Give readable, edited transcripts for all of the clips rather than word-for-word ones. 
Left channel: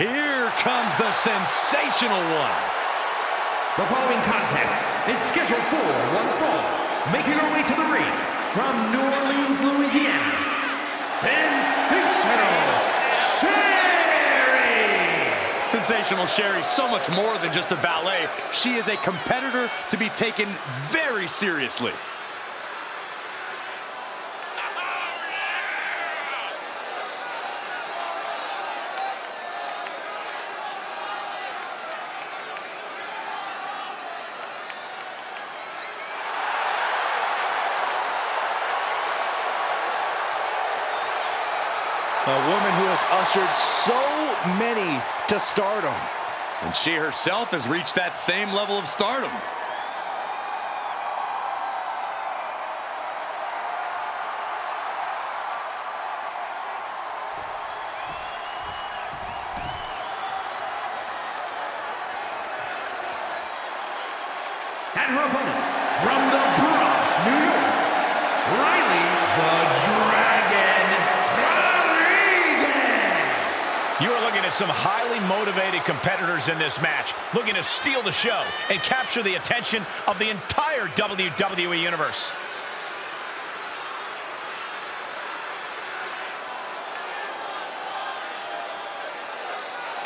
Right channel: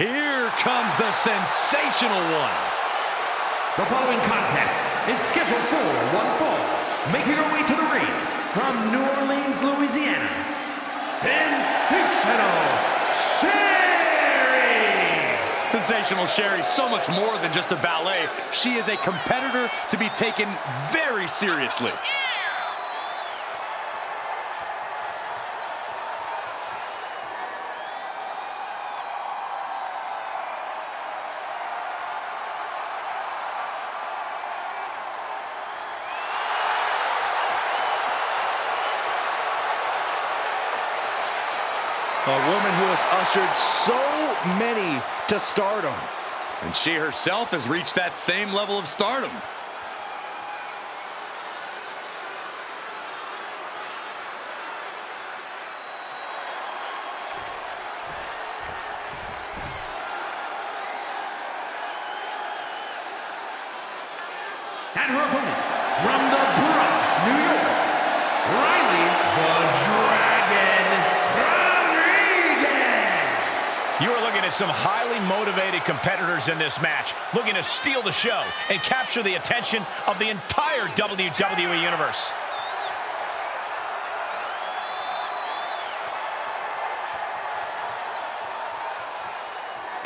Here comes the sensational one. The following contest is scheduled for one fall. Making her way to the ring from New Orleans, Louisiana, Sensational Sherri! Sensational Sherri, so much more than just a valet. She is a competitor to be taken very seriously. A woman who has ushered so many to stardom. And she herself has reached that same level of stardom. And her opponent, from the Bronx, New York, Riley the Dragon Rodriguez! You are looking at some highly motivated competitors in this match, looking to steal the show and capture the attention of the entire WWE Universe.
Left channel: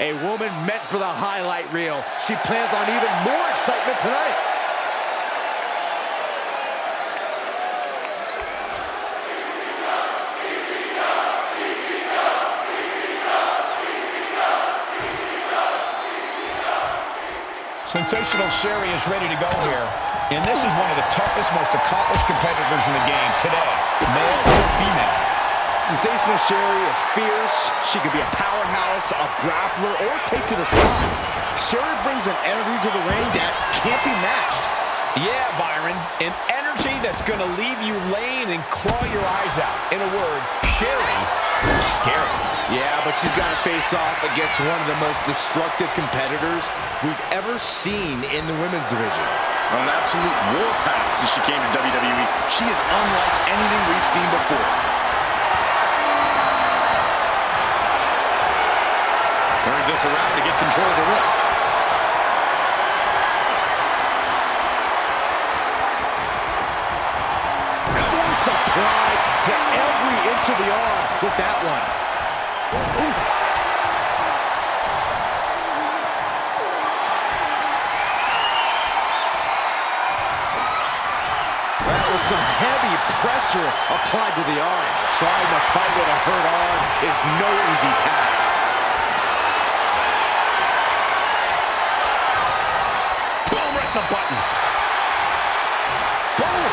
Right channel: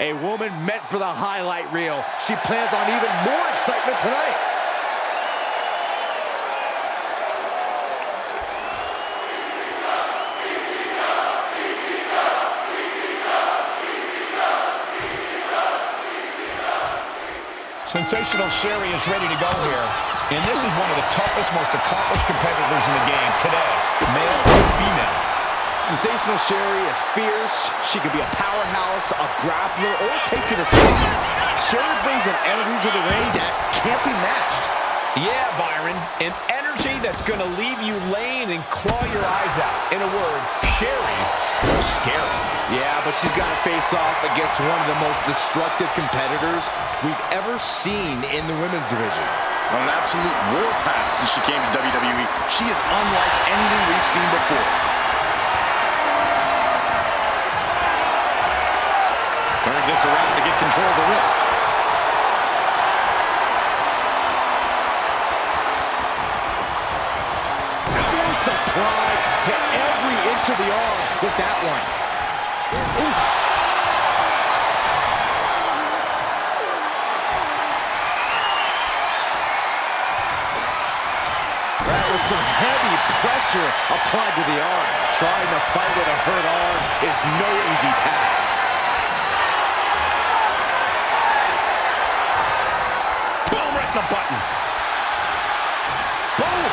A woman meant for the highlight reel. She plans on even more excitement tonight. Sensational Sherri is ready to go here, and this is one of the toughest, most accomplished competitors in the game today, male or female. Sensational Sherri is fierce. She could be a powerhouse, a grappler, or take to the sky. Sherri brings an energy to the ring that can't be matched. Yeah, Byron, an energy that's going to leave you laying and claw your eyes out. In a word, Sherri is scary. Yeah, but she's got to face off against one of the most destructive competitors we've ever seen in the women's division. On an absolute warpath since she came to WWE, she is unlike anything we've seen before. Turns this around to get control of the wrist. Force applied to every inch of the arm with that one. Ooh. That was some heavy pressure applied to the arm. Trying to fight with a hurt arm is no easy task. Boom, right in the button. Boom!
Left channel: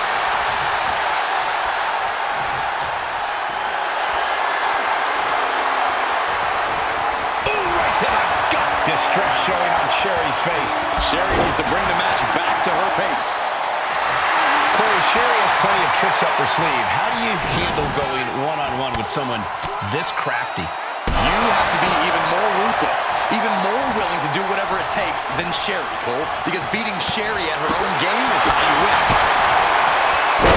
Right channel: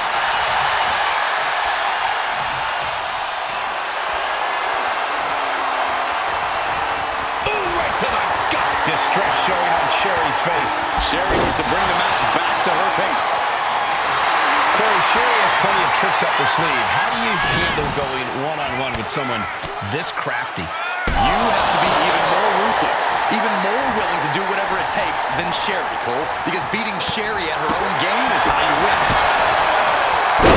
Boom, right to the gut. Distress showing on Sherri's face. Sherri needs to bring the match back to her pace. Corey, Sherri has plenty of tricks up her sleeve. How do you handle going one-on-one with someone this crafty? You have to be even more ruthless, even more willing to do whatever it takes than Sherri, Cole, because beating Sherri at her own game is how you win. Oh,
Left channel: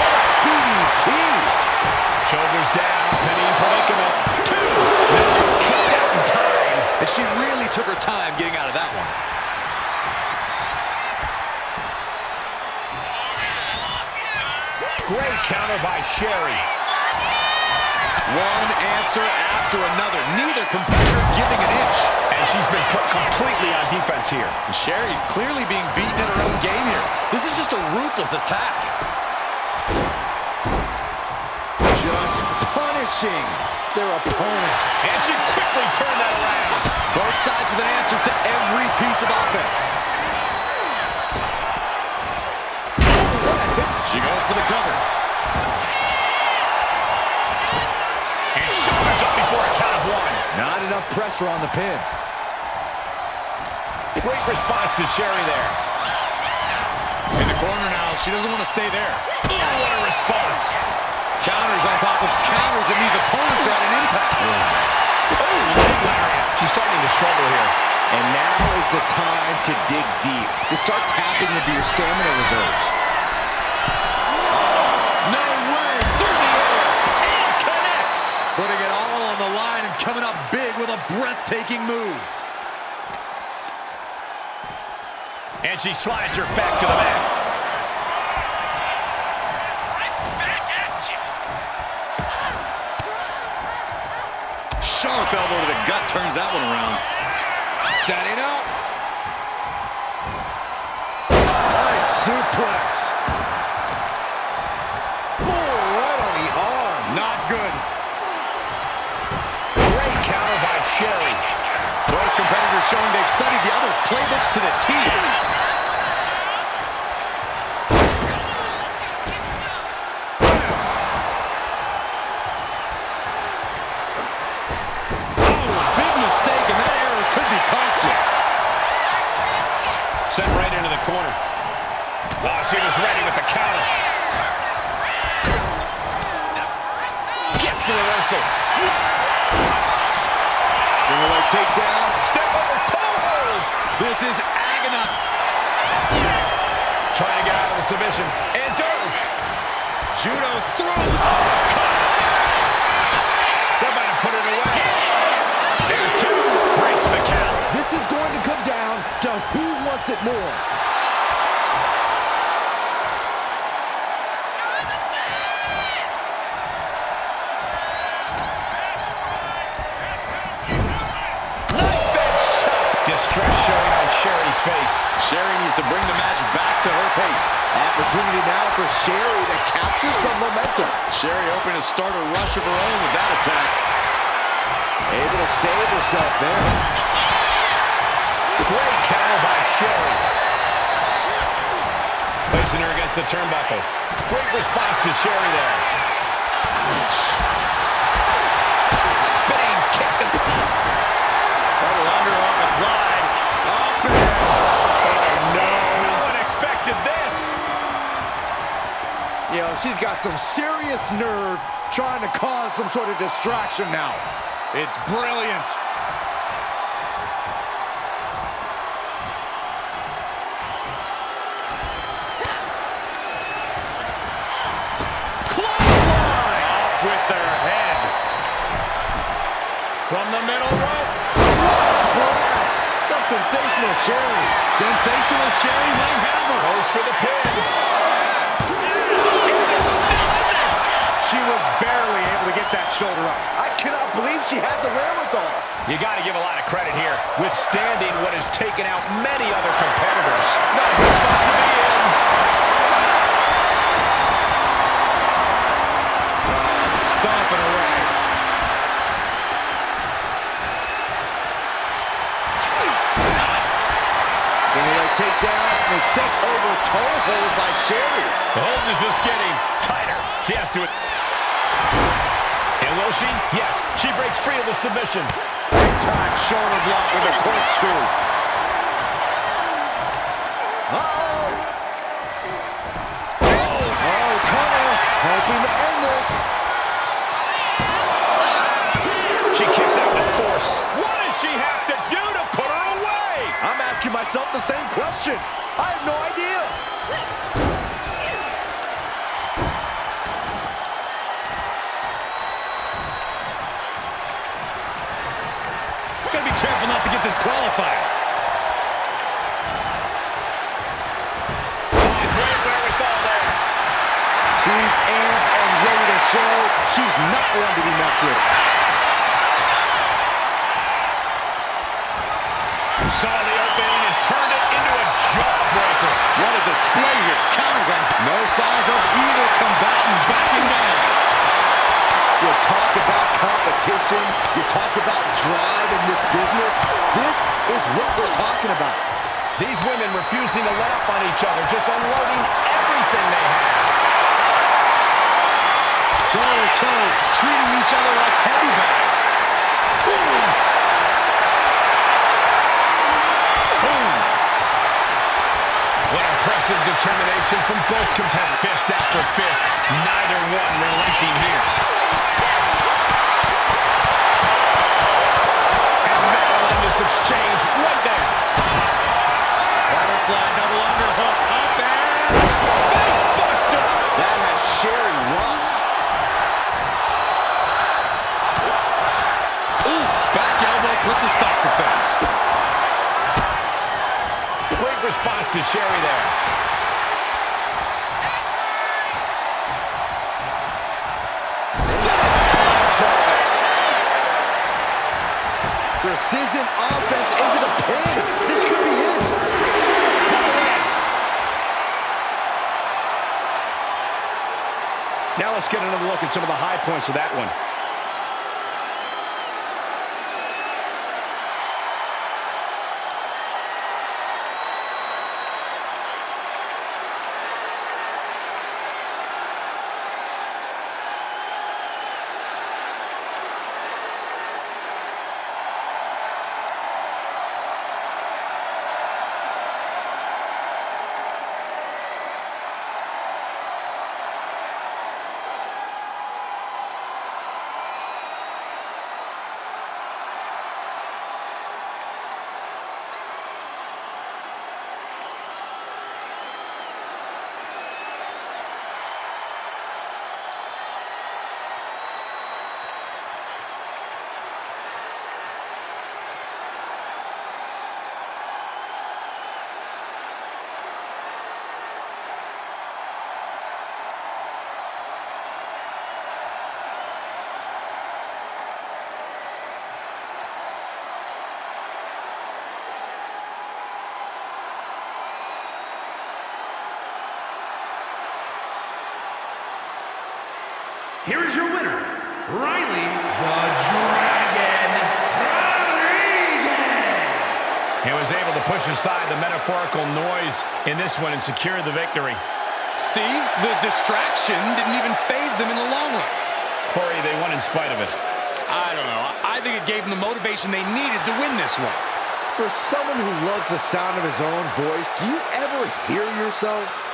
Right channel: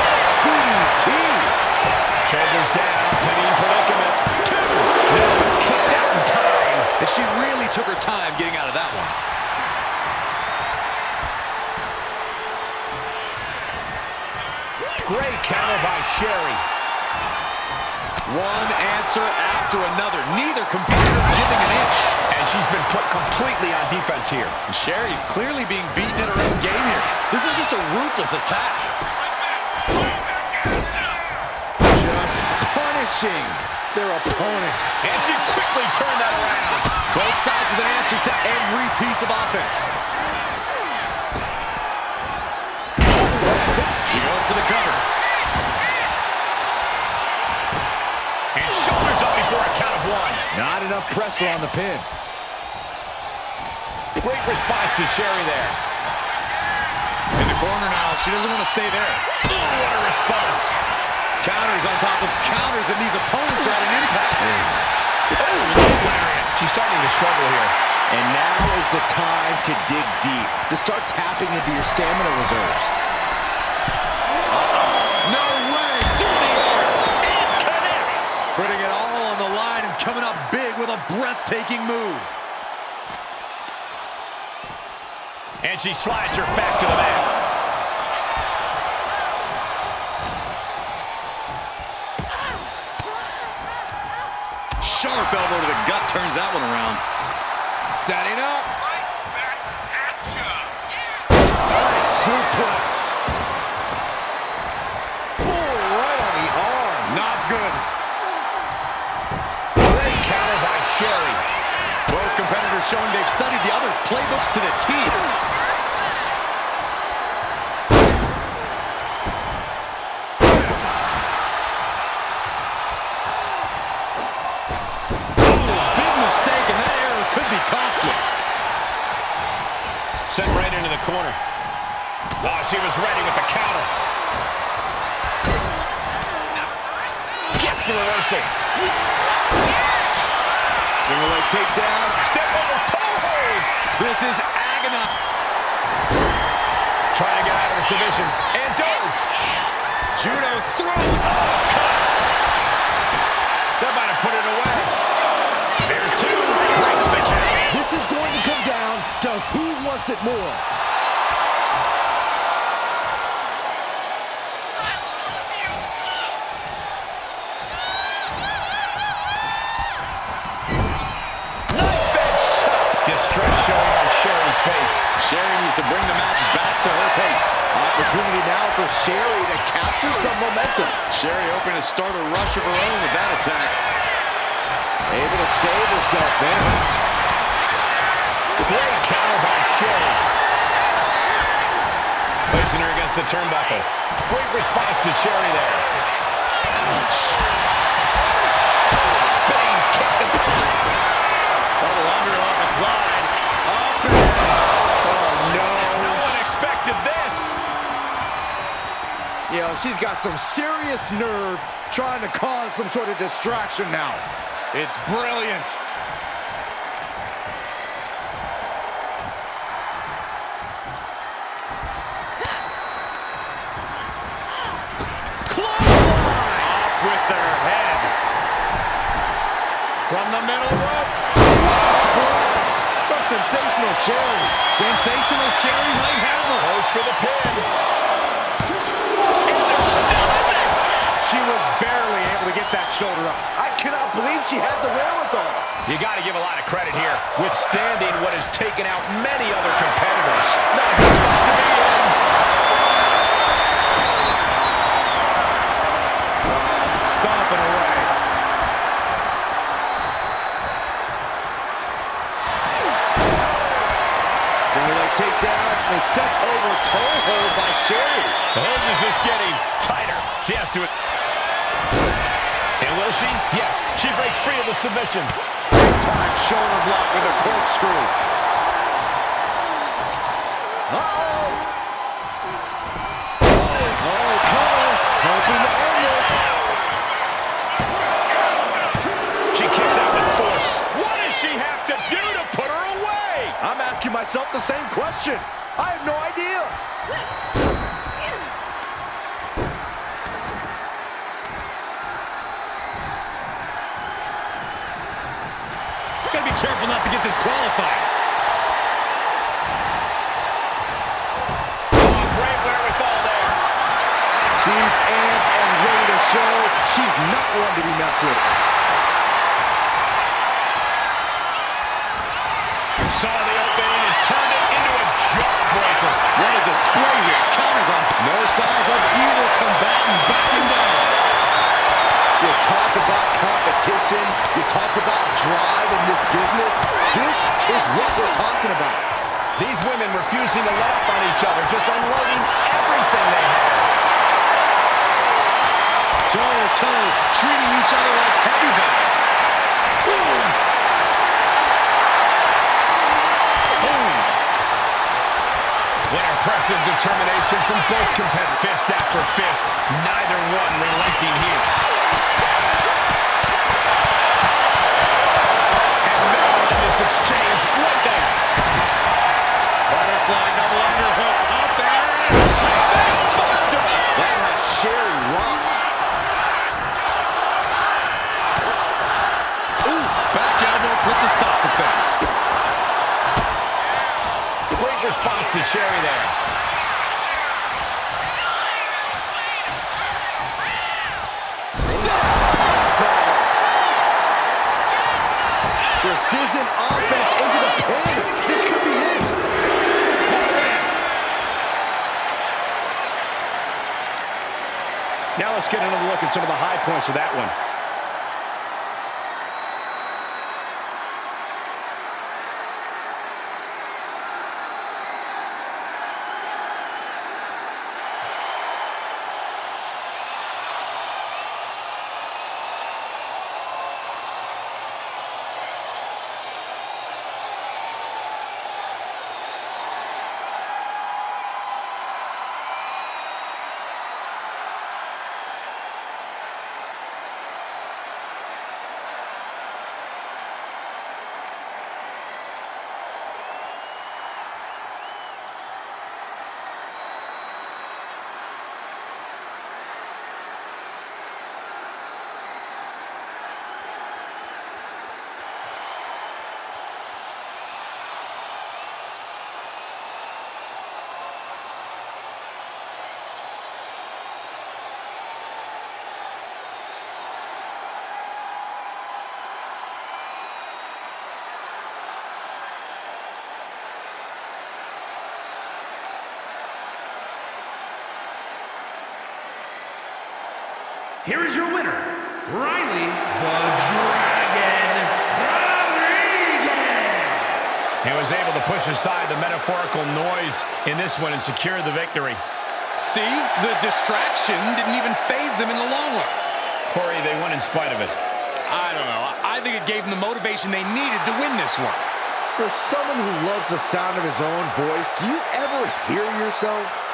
what a DDT! Shoulders down, pinning predicament. Two! No, kicks out in time. And she really took her time getting out of that one. Great counter by Sherri. One answer after another. Neither competitor giving an inch. And she's been put completely on defense here. And Sherri's clearly being beaten at her own game here. This is just a ruthless attack. Just punishing their opponent. And she quickly turned that around. Both sides with an answer to every piece of offense. She goes for the cover. And shoulders up before a count of one. Not enough pressure on the pin. Great response to Sherri there. In the corner now, she doesn't want to stay there. Oh, what a response. Counters on top of counters, and these opponents are at an impasse. Oh, leg lariat. She's starting to struggle here. And now is the time to dig deep, to start tapping into your stamina reserves. No way! Through the air! It connects. Putting it all on the line and coming up big with a breathtaking move. And she slides her back to the mat. Sharp elbow to the gut turns that one around. Setting up. Nice suplex. Oh, right on the arm. Not good. Great counter by Sherry. Both competitors showing they've studied the other's playbooks to the teeth. Sent right into the corner. Oh, she was ready with the counter. Gets the reversal. Single leg takedown. Step over toe hold. This is agonizing. Trying to get out of the submission. And does. Judo throw. Oh, cut. They're about to put it away. There's two. Breaks the count. This is going to come down to who wants it more. Knife edge chop. Distress showing on Sherry's face. Sherry needs to bring the match back to her pace. Opportunity now for Sherry to capture some momentum. Sherry hoping to start a rush of her own with that attack. Able to save herself there. Great counter by Sherry. Placing her against the turnbuckle. Great response to Sherry there. Ouch. Spinning kick. Double underhook applied. Up and... Oh, no. No one expected this. You know, she's got some serious nerve trying to cause some sort of distraction now. It's brilliant. With their head. From the middle rope. Splash from Sensational Sherry. Sensational Sherry might have her. Goes for the pin. And they're still in this. She was barely able to get that shoulder up. I cannot believe she had the wherewithal. You got to give a lot of credit here. Withstanding what has taken out many other competitors. Not a good spot to be in. Stomping away. Single leg takedown and a step over toe hold by Sherry. The hold is just getting tighter. She has to. And will she? Yes. She breaks free of the submission. Big time shoulder block with a corkscrew. Uh-oh. Oh, cover. Hoping to end this. She kicks out with force. What does she have to do to put her away? I'm asking myself the same question. I have no idea. Gotta be careful not to get disqualified. Oh, great wherewithal there. She's amped and ready to show she's not one to be messed with. Saw the opening and turned it into a jawbreaker. What a display here. Counters on. No signs of either combatant backing down. You talk about competition, you talk about drive in this business. This is what we're talking about. These women refusing to let up on each other, just unloading everything they have. Toe to toe, treating each other like heavy bags. Boom! Boom! What impressive determination from both competitors. Fist after fist, neither one relenting here. And they'll end this exchange right there. Butterfly double underhook up and Face buster. That has Sherry rocked. oof, back out response to Sherry there. Precision offense into the pin. This could be it. Now let's get another look at some of the high points of that one. Here is your winner, Riley the Dragon Rodriguez. He was able to push aside the metaphorical noise in this one and secure the victory. See, the distraction didn't even faze them in the long run. Corey, they won in spite of it. I don't know. I think it gave them the motivation they needed to win this one. For someone who loves the sound of his own voice, do you ever hear yourself?